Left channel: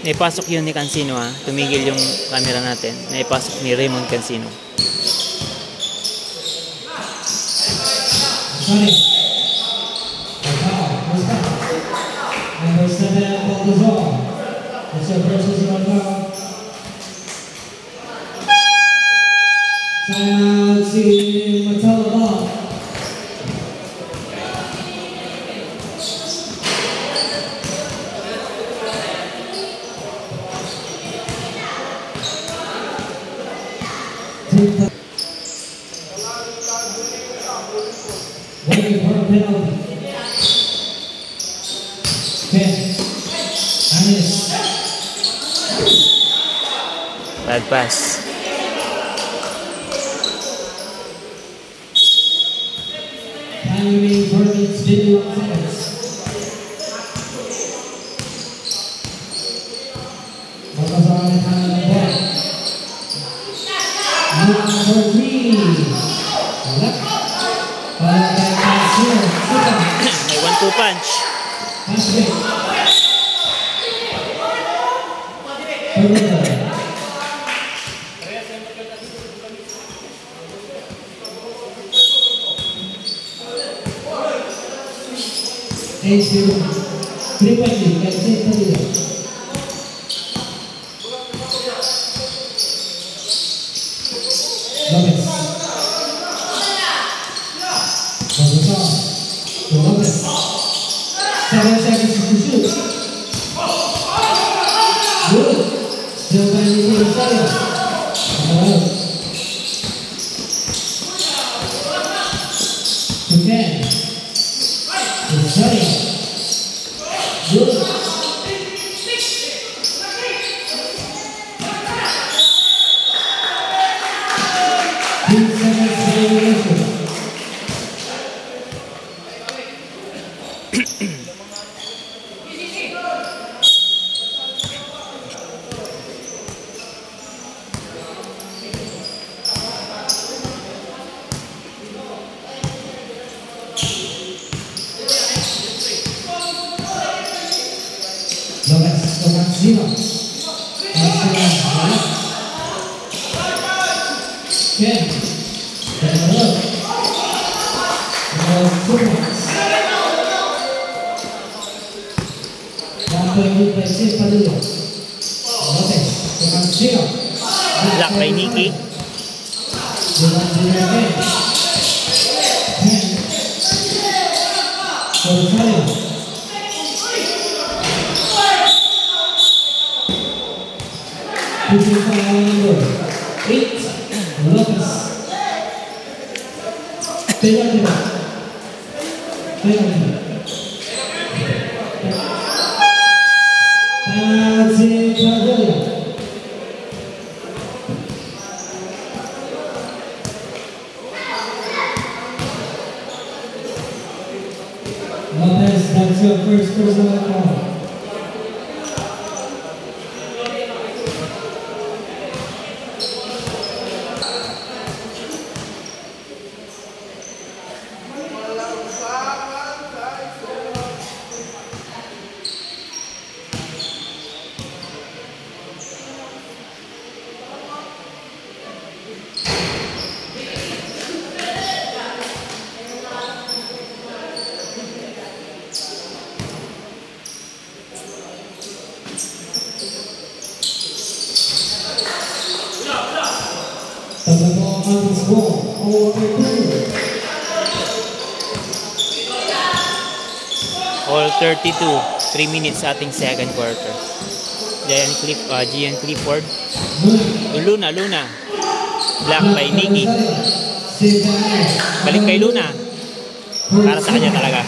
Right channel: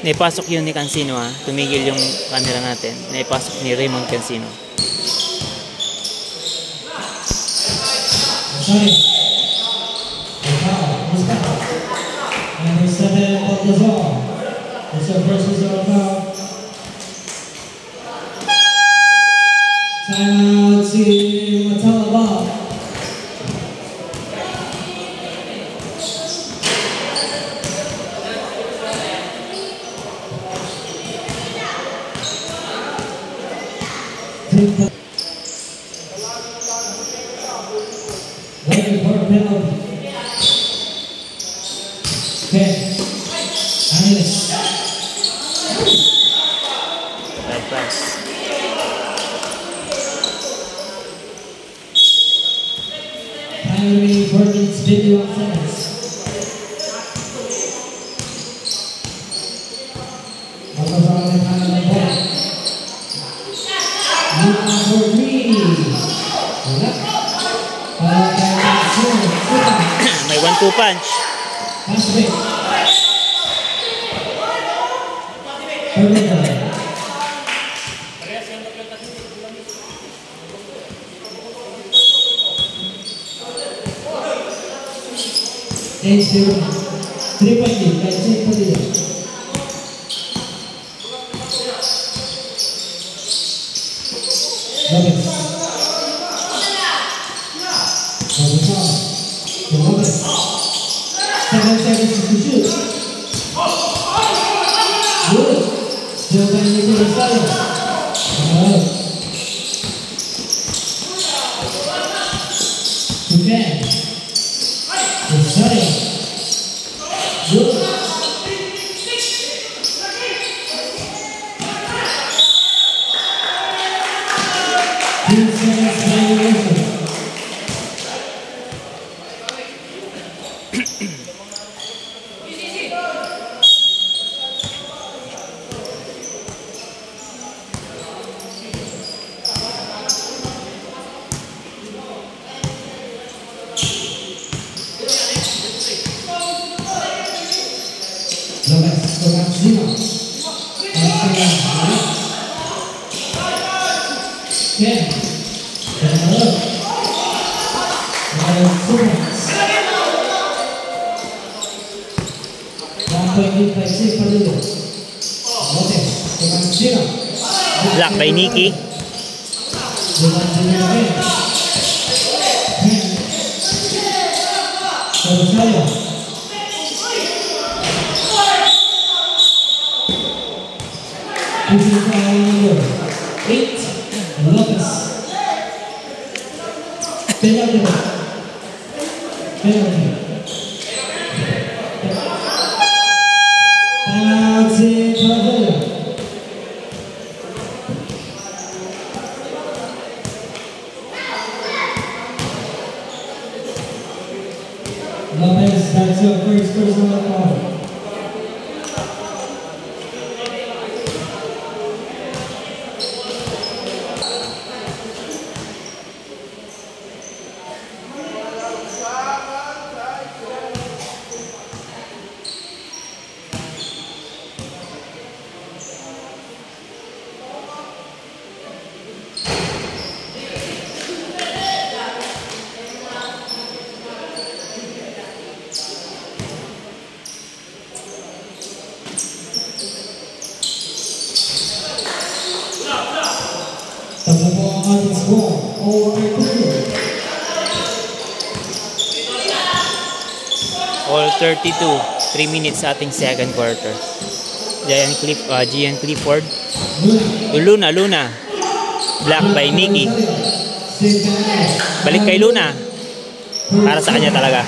Naipasok yun ni Cancino ha. Tumigil yung camera natin. Naipasok ni Raymond Cancino. Number 7, Baltazar. It's your first personal foul. Timeout to Matalabah. Waiting for a penalty. Bad pass. Primary Burns video seconds. Baltazar on the kind of the ball. Number 3. Yep. May 1-2 punch. Pass it. Triple D, that's it for you. Lopez. Lopez. 7 seconds to shoot. Good. Still banding to the side. Again. Good. Black by Nikki. Lopez, that's your first personal foul. All 32, 3 minutes sa ating second quarter. Gian Clifford. Luna. Black by Nikki. Balik kay Luna. Para sa kanya talaga.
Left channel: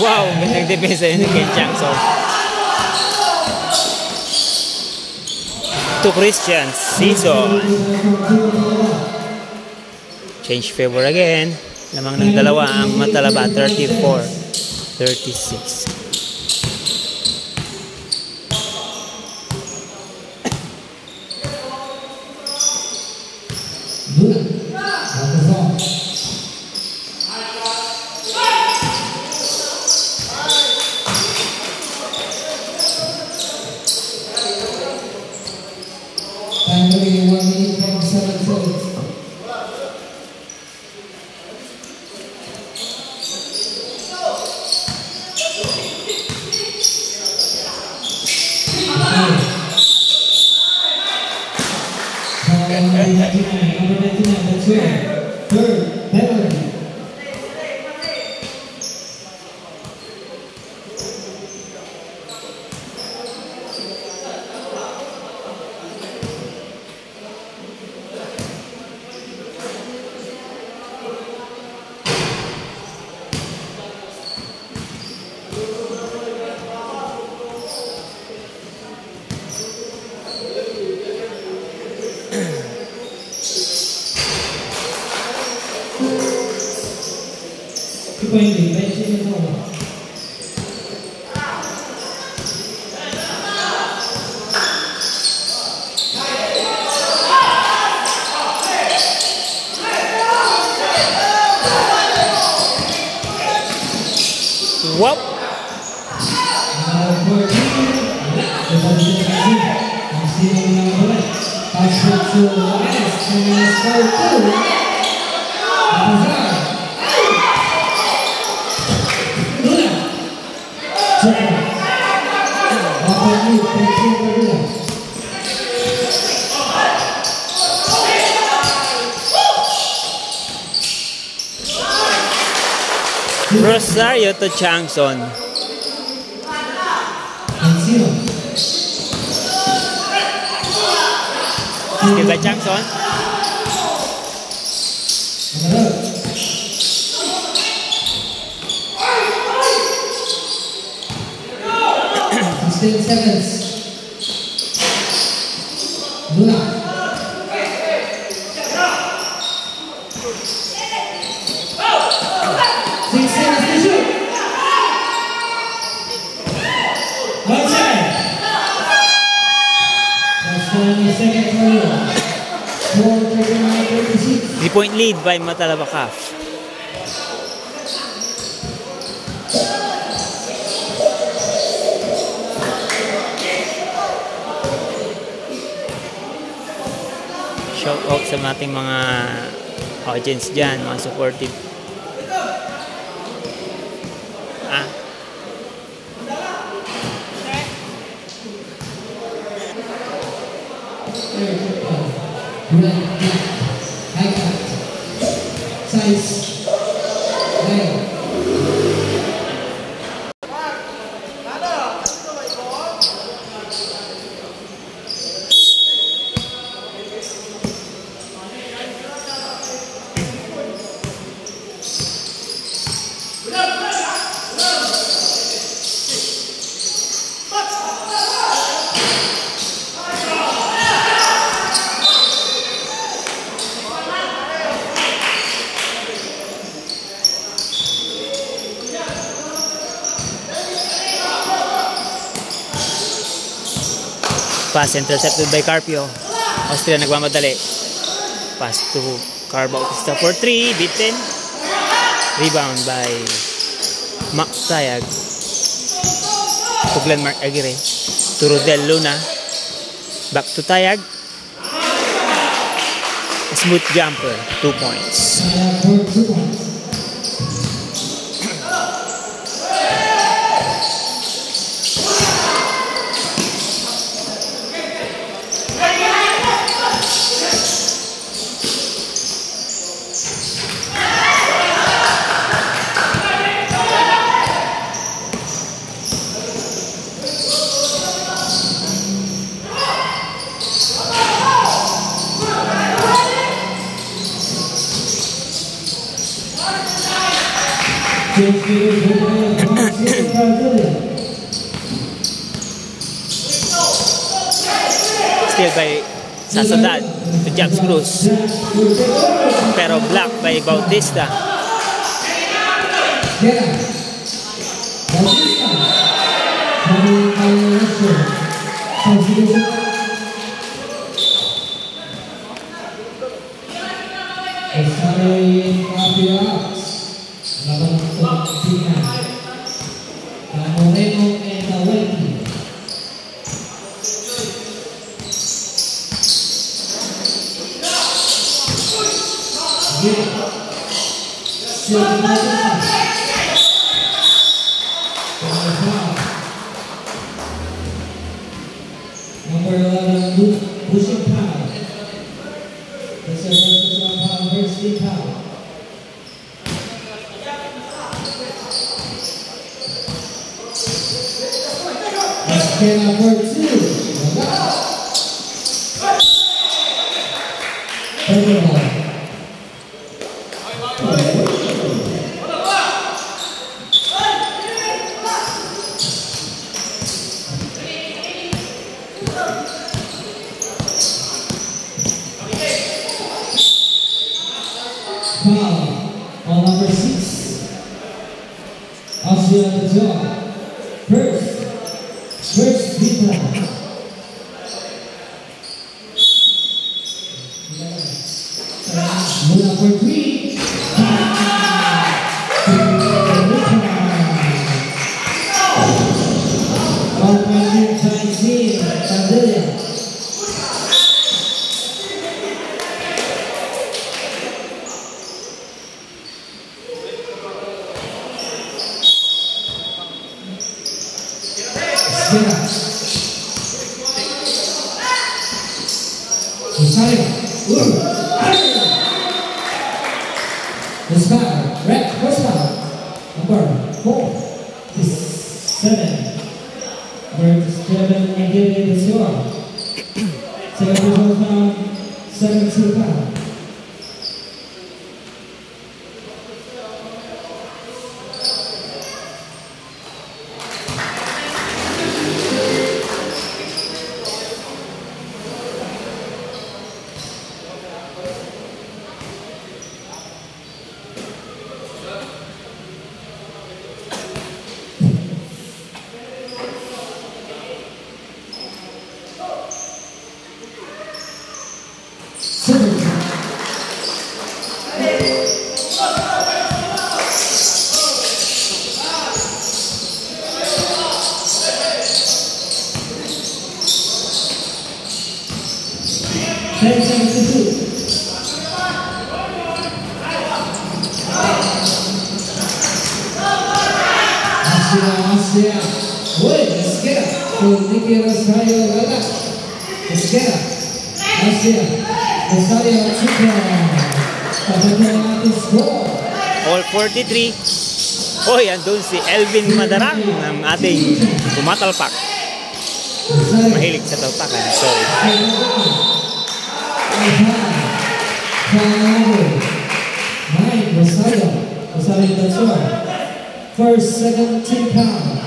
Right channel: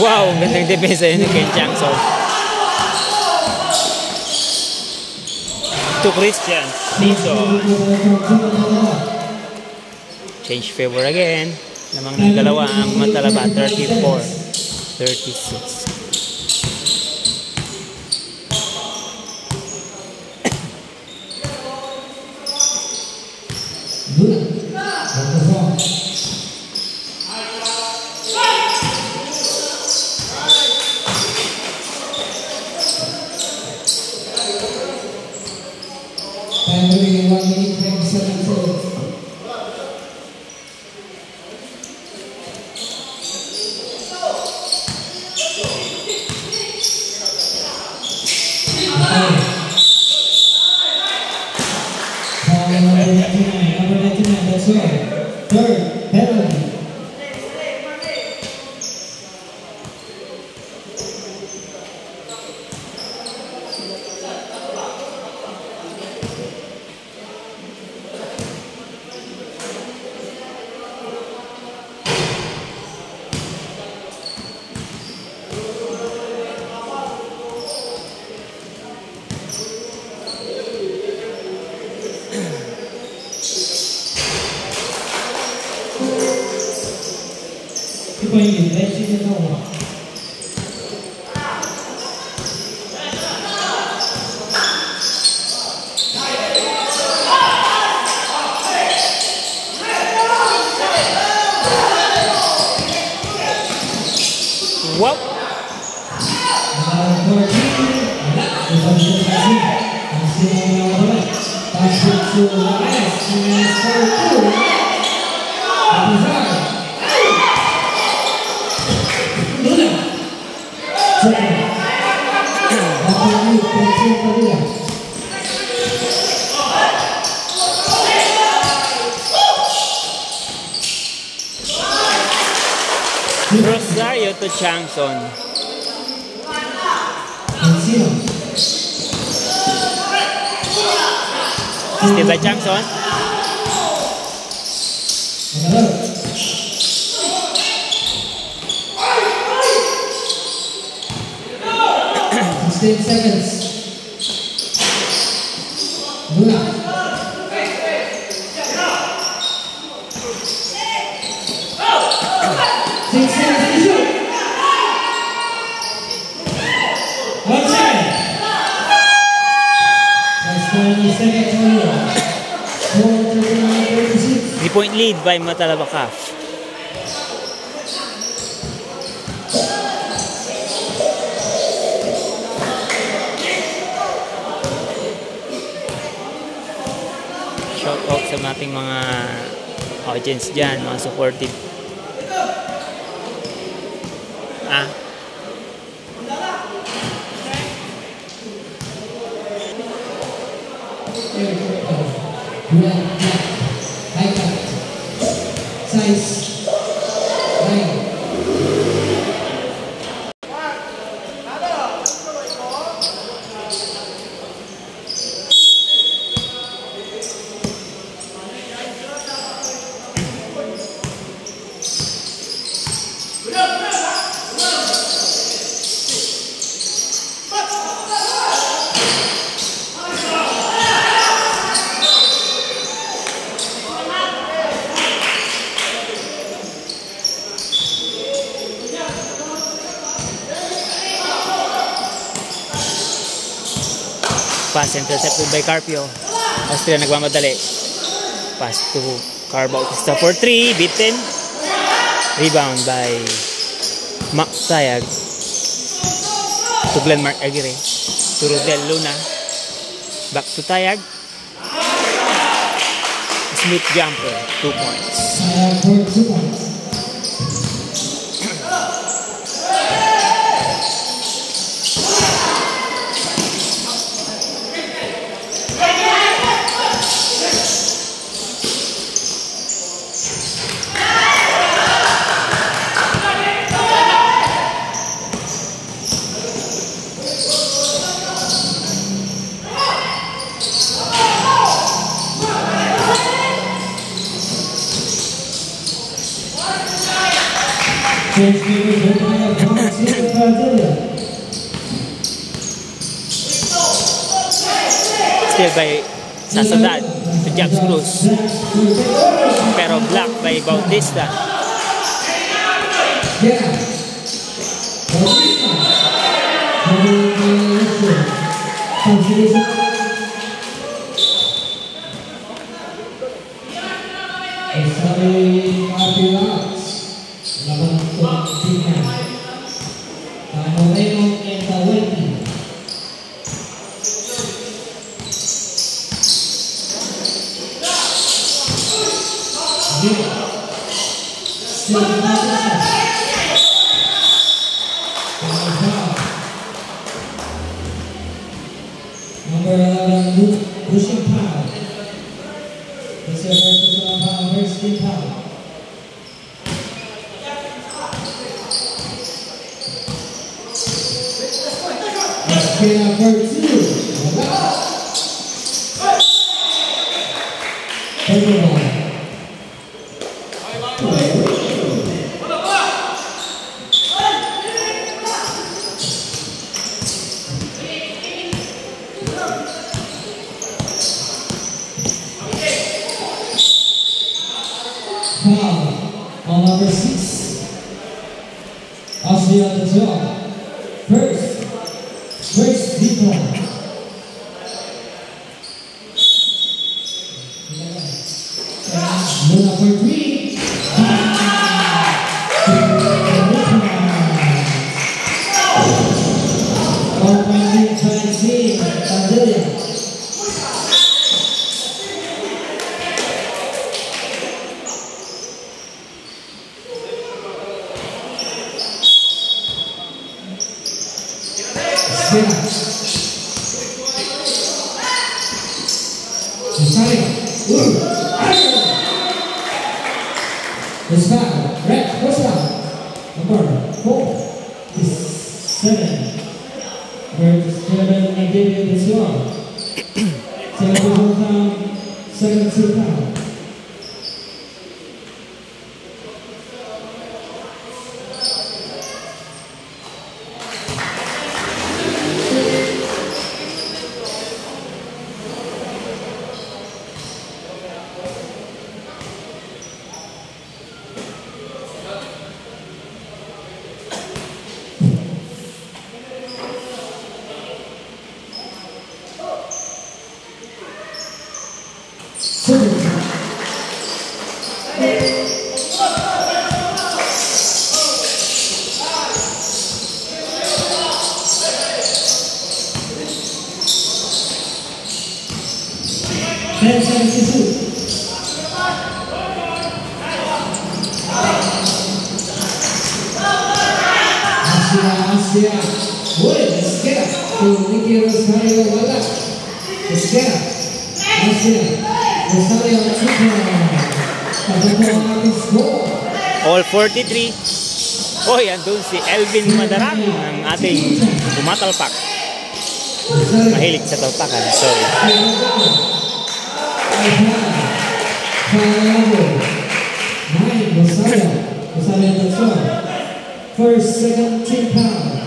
Wow, ang gandang depensa yun ng Ken Changson. To Christian Season. Change favor again. Lamang ng dalawa ang Matalaba, 34-36. Whoop. Rosario to Changson. Still by Changson. Three-point lead by Matalaba CAF. Shout out sa ating mga audience dyan, mga supportive. Pass intercepted by Carpio. Austria nagmamadali. Pass to Carbo Bautista for 3. Beaten. Rebound by Mac Tayag. To Glenn Mark Aguirre. To Rodel Luna. Back to Tayag. Smooth jumper. 2 points. Change viewers opening up Brazil, Brasilia. Still by Sasadad to Jax Cruz. Pero block by Bautista. Yeah. Number 11, Lucian Powell. This is Lucian Powell versus Steve Powell. Let's get number 2. Ball number 6. Austria at the zone. First big one. Number 3. Number 4 is 7. Versus Kevin Nigeria this year. 72 pounds. Asia. Woi, Asia. Nicky Rosario Wala. Asia. Asia. Rosario Chica. All 43. Oy, andun si Elvin Madarang ng ating tumatalpak. Mahilig sa talpakan, sorry. First 17 pounds.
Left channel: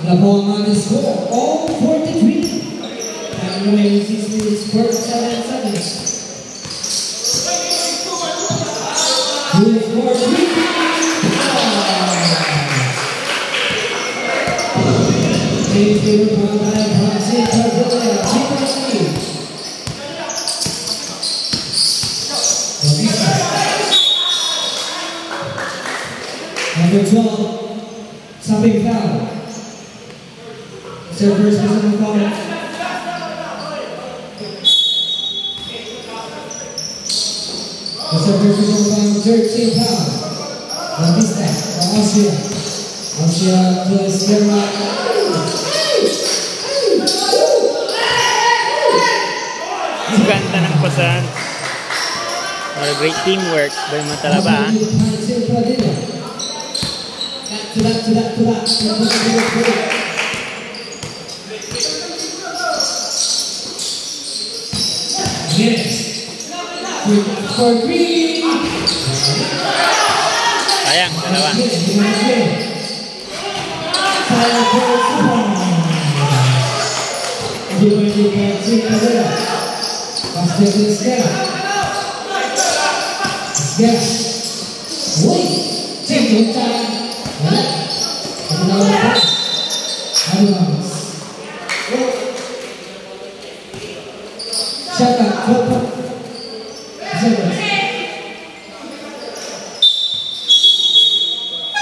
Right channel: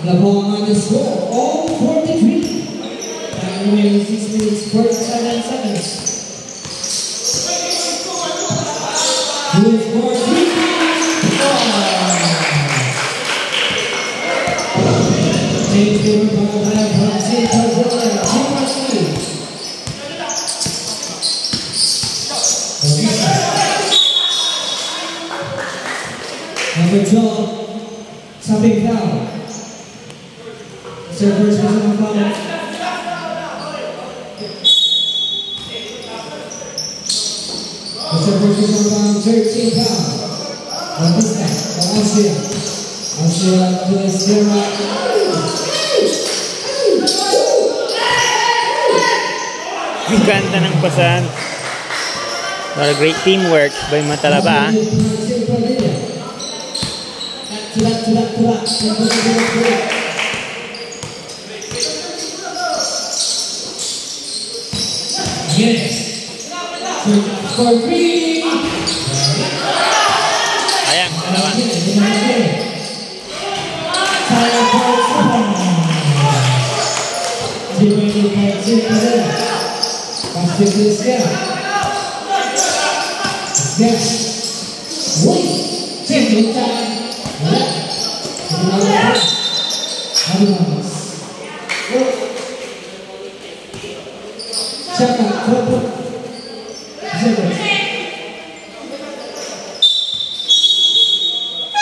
The ball on the score, all 43. Time remaining 6 minutes, 47 seconds. Here's 43. Number 12, Sabing foul. It's their first personal foul. It's their first personal foul, 13 foul. Bautista, Austria. Austria to Esquerra. Ang ganda ng pasan. What a great teamwork by Matalaba. Again. For three. Sayang, dalawa. Sayang for super. Defensive for three for them. Pasti plus dia. Yes. Wait. Take your time.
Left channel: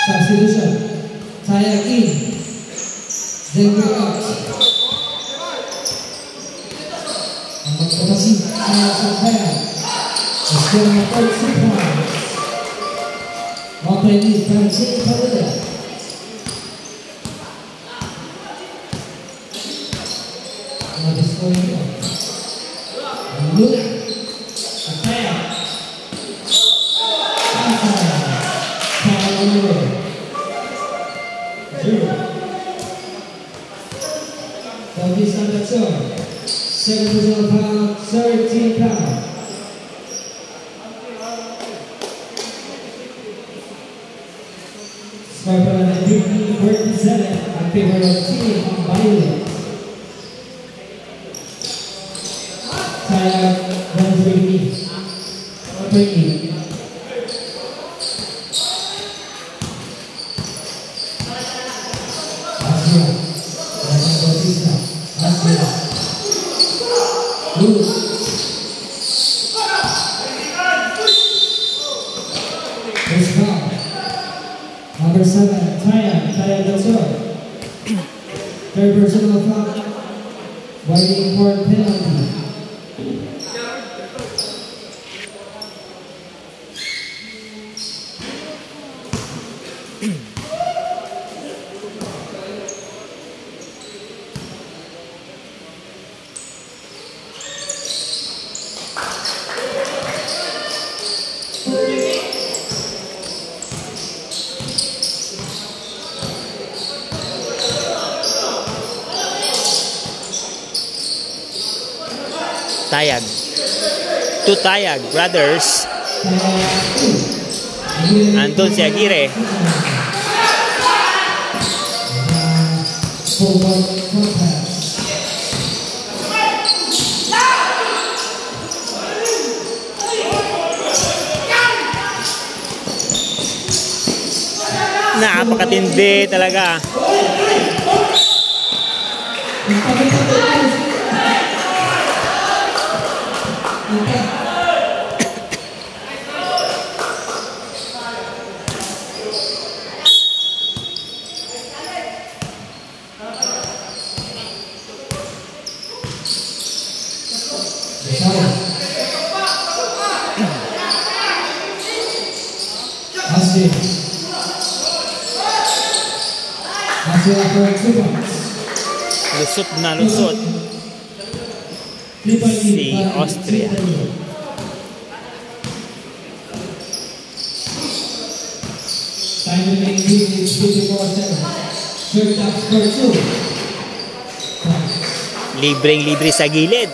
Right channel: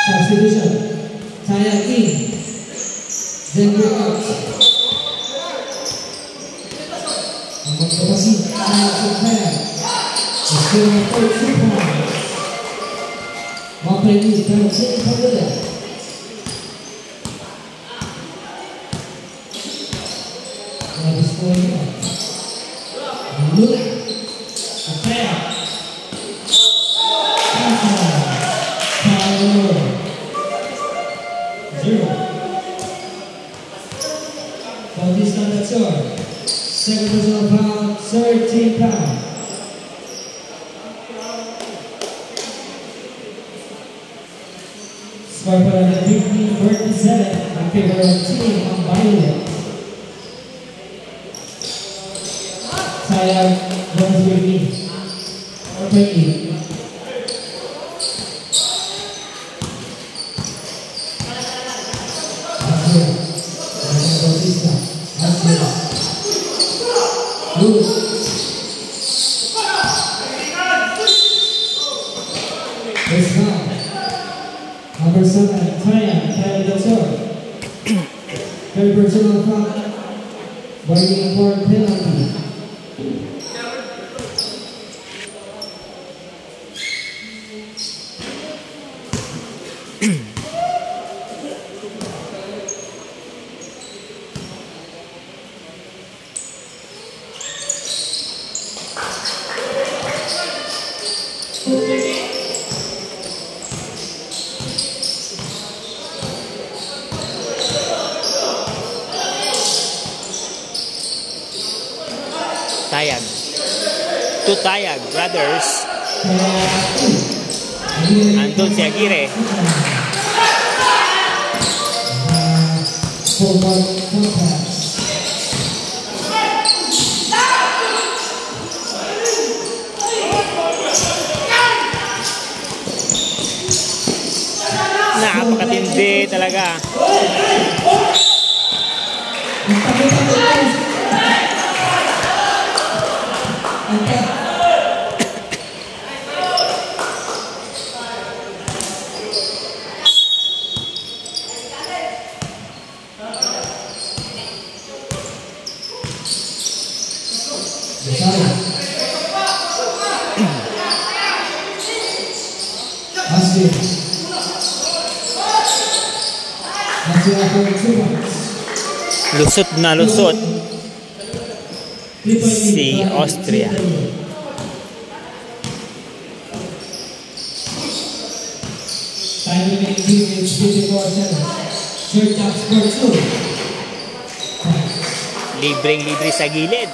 Substitution. Sayang in. Then break out. Angkat formasi. Sayang Sayang. Sekarang mau super. Mau play ini. Percaya pada. Habis poin. Ambil. Sayang. For this number 2, second personal foul, 13 pounds. Score for the 15-47 in favor of Team Violet. Sayang runs with me. Open it. Number 7, Taya Gasol. Third personal foul. Waiting for penalty. Tayag. Two Tayag brothers. Andun si Aguirre. Napakatindi talaga. Lusot na lusot si Austria. Libreng-libre sa gilid.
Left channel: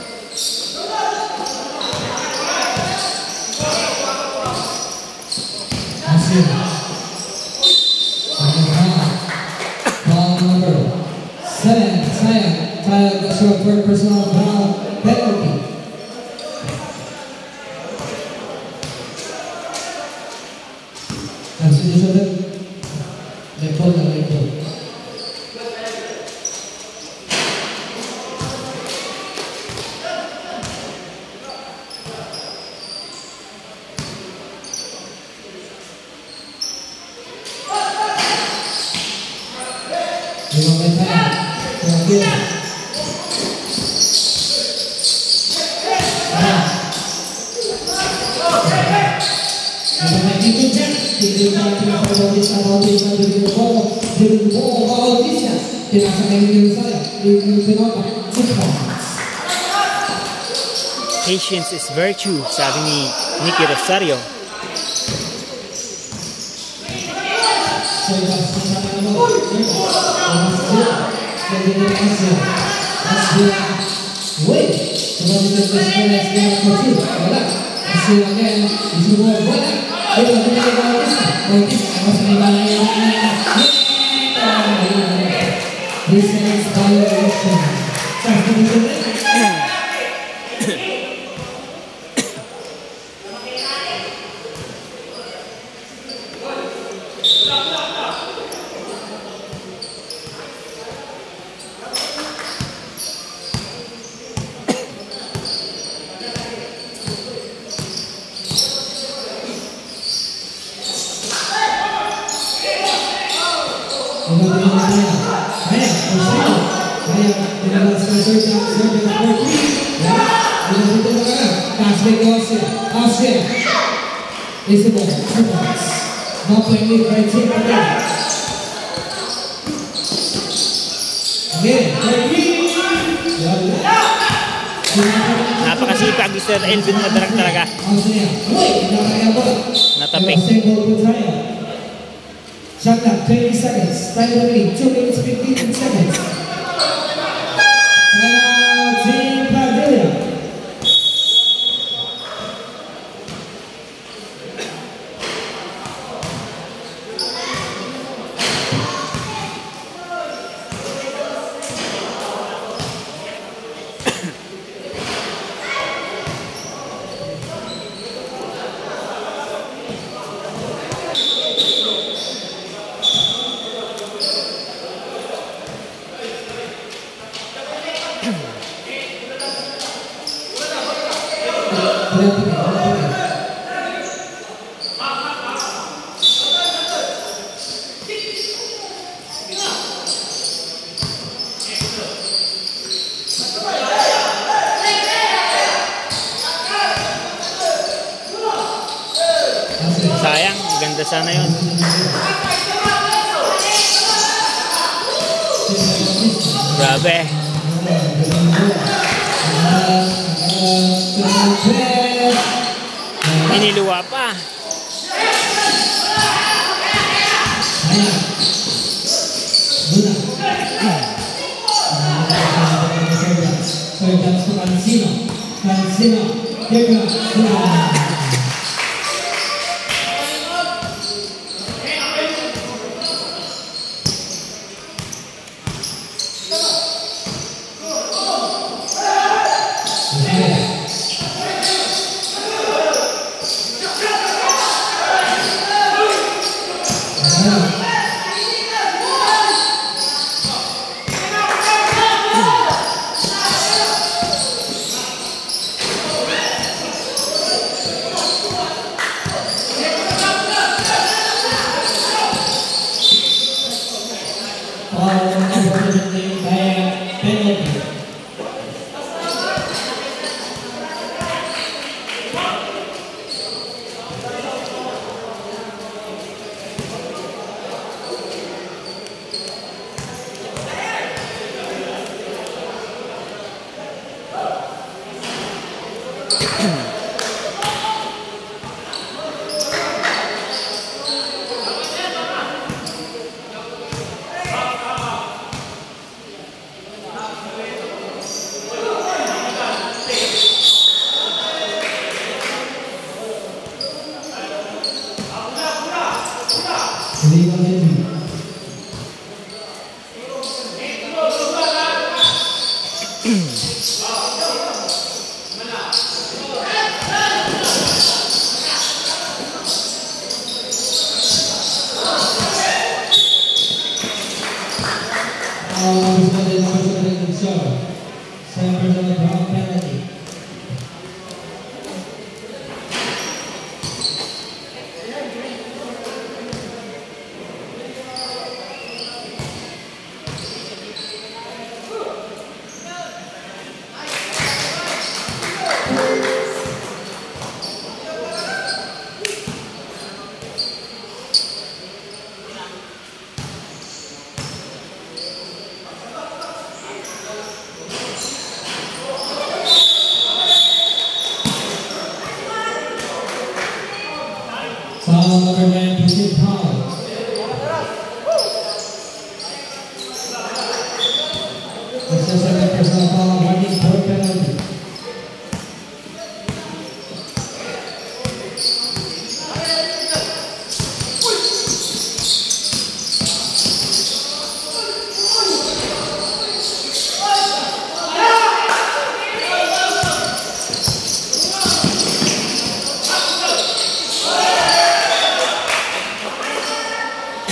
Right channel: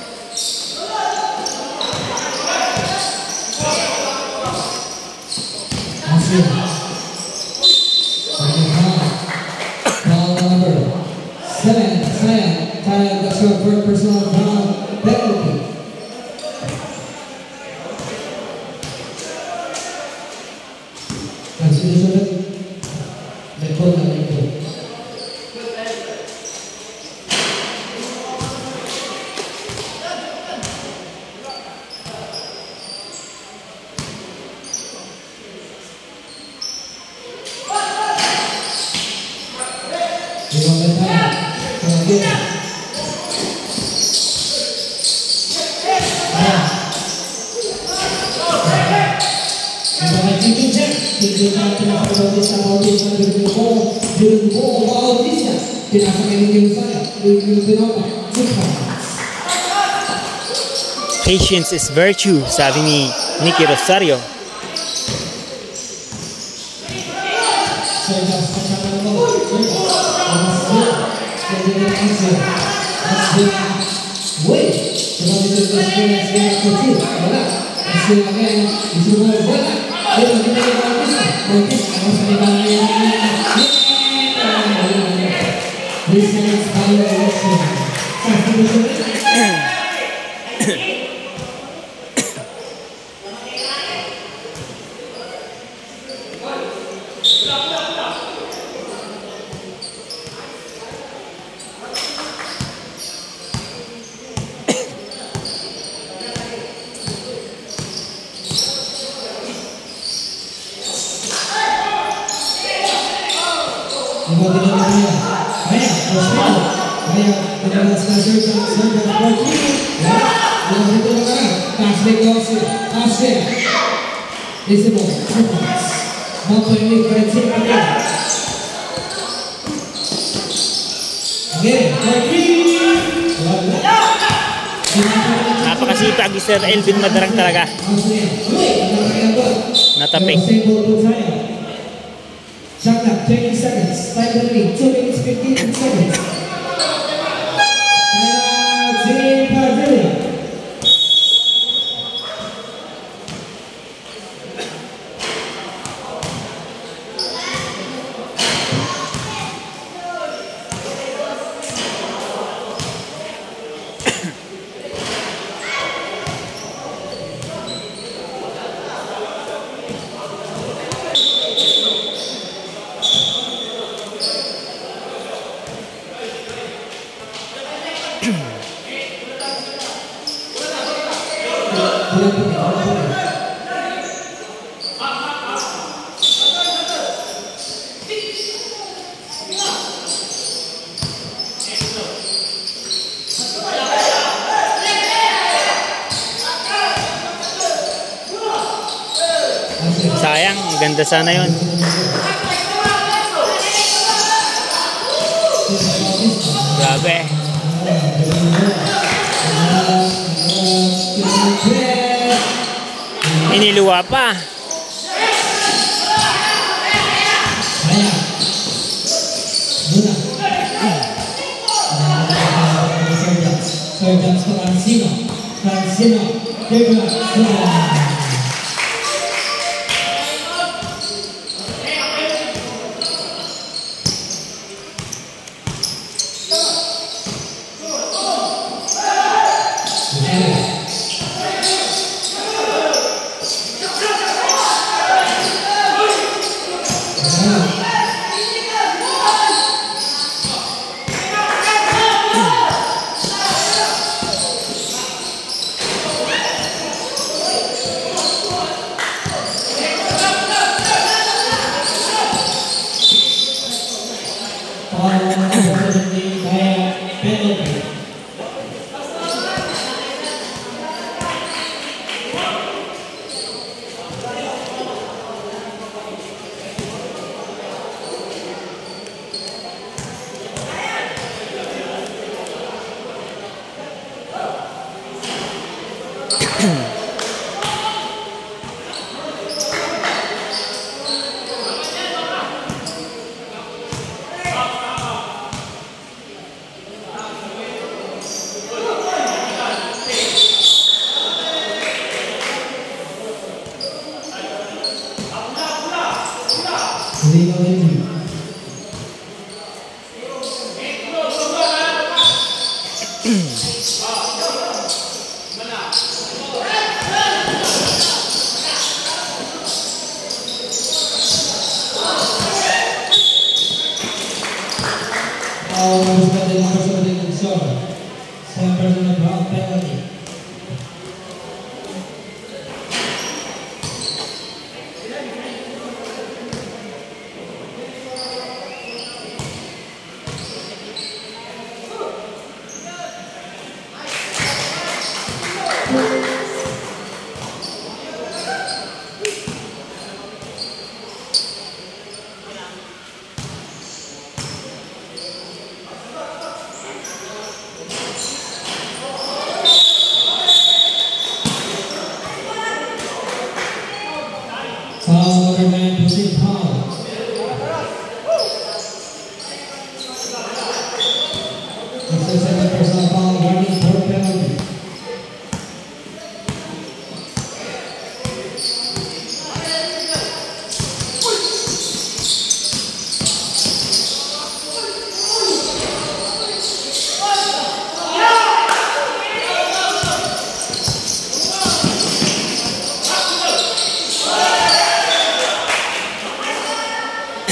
For personal foul penalty. Substitution. Level na ito. Patience is virtue, sabi ni Nicky Rosario. Wait. Sebagai sekolah sekolah kecil, bola hasil lagi disuruh bola. Bola kita bagus, bagus. Harus dibalai lagi. This is violation. Satu betul. Napakasipag ni Sir Elvin Madarang talaga. Natapik. Shot clock, 20 seconds. Time remaining, 2 minutes, 15 seconds. Team Padilla. Sayang, ganda sana yun. Grabe. Iniluwa pa.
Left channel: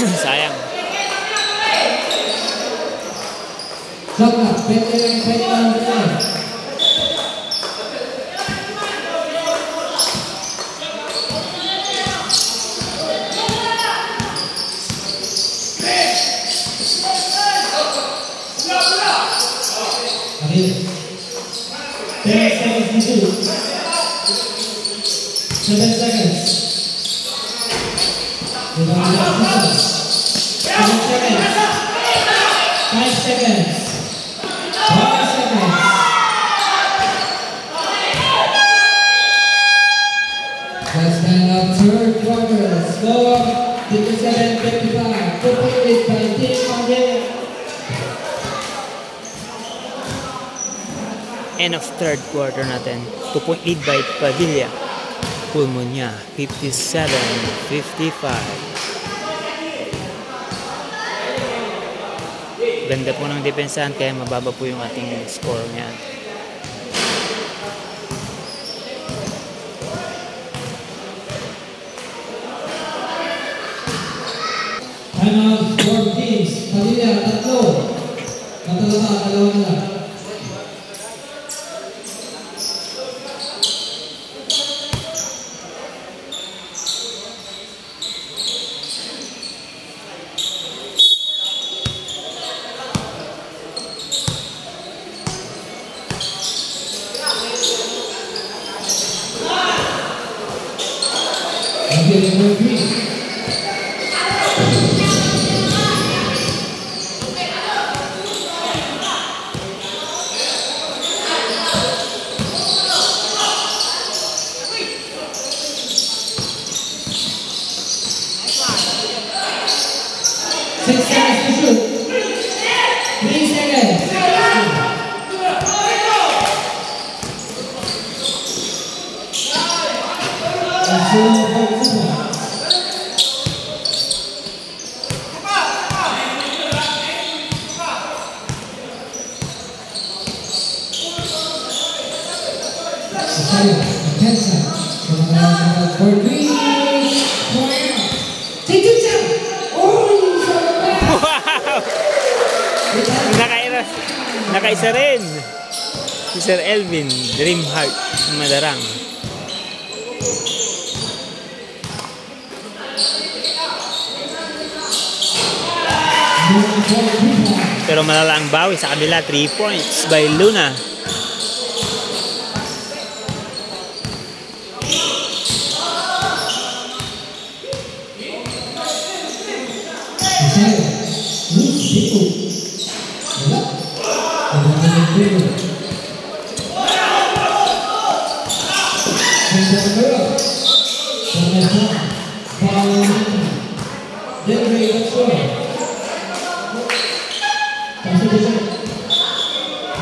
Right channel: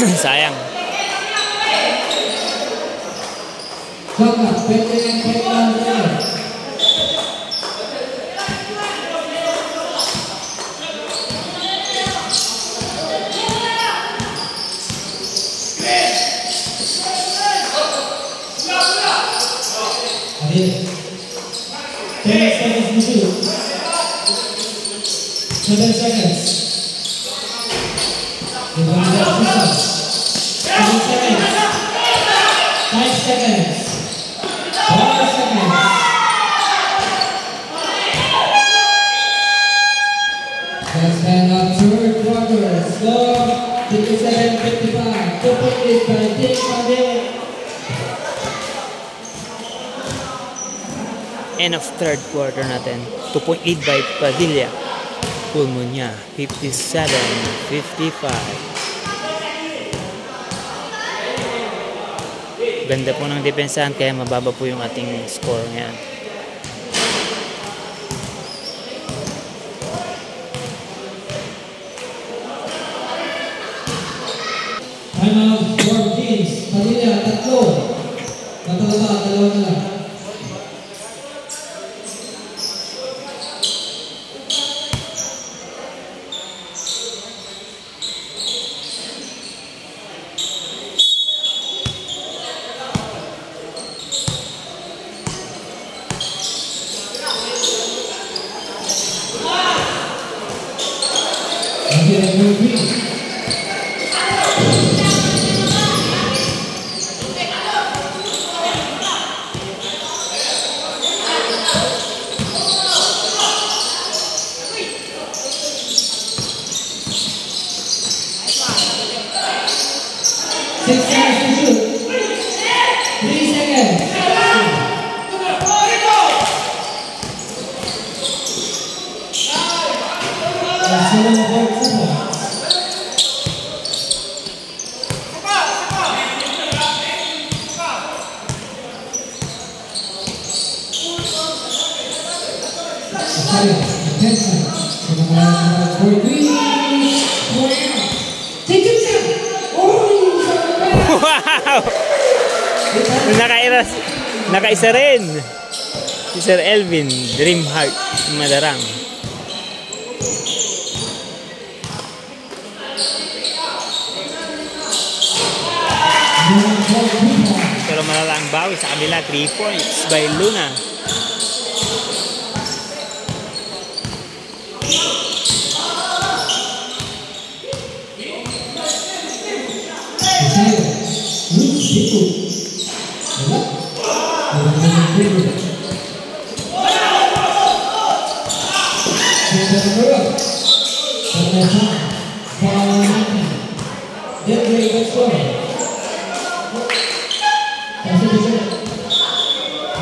Sayang. Shot clock, 29-29. Adil. 10 seconds to shoot. 7 seconds. 7 seconds. 5 seconds. 5 seconds. Let's hand up third quarter. Score 57-55. 2.8 by Team Padilla. End of third quarter natin. 2.8 by Padilla. Pulmonya 57-55. Ganda po ng depensahan kaya mababa po yung ating score ngayon. Final four teams. Padilla, 3. Natalaba, 2 na lang. Nakaisa rin si Sir Elvin Dreamheart Madarang. Pero malala ang bawi sa kabila. 3 points by Luna.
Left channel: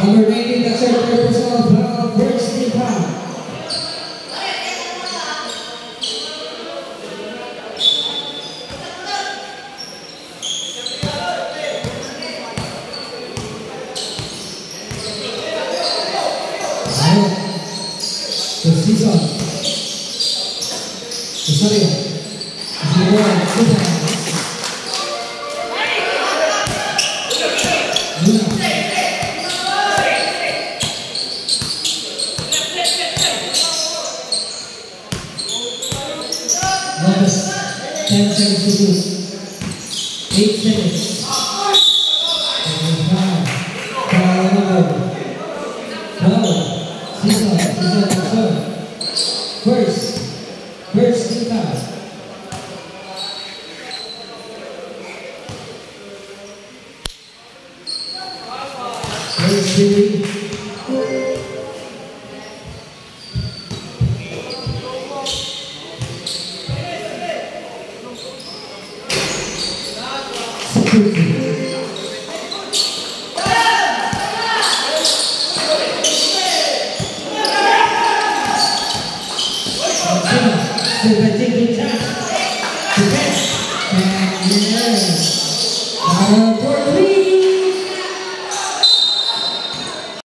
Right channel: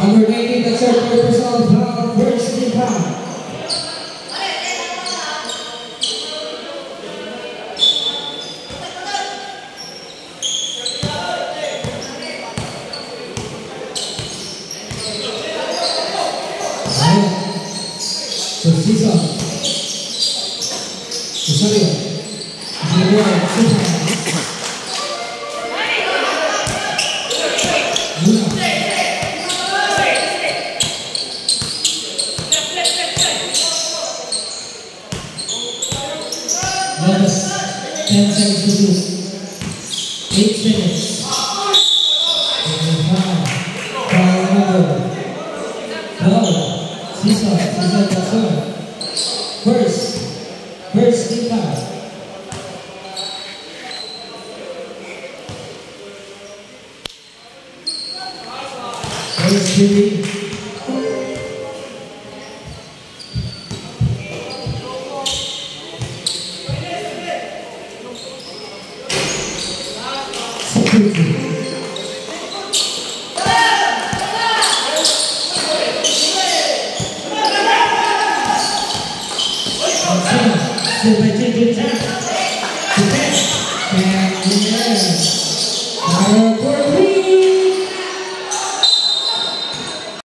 Number 19, that's our third personal foul, first team foul. So season. Sorry. Numbers 10 seconds to shoot. 8 seconds. Foul number 12. Season, first team foul. First team. Security.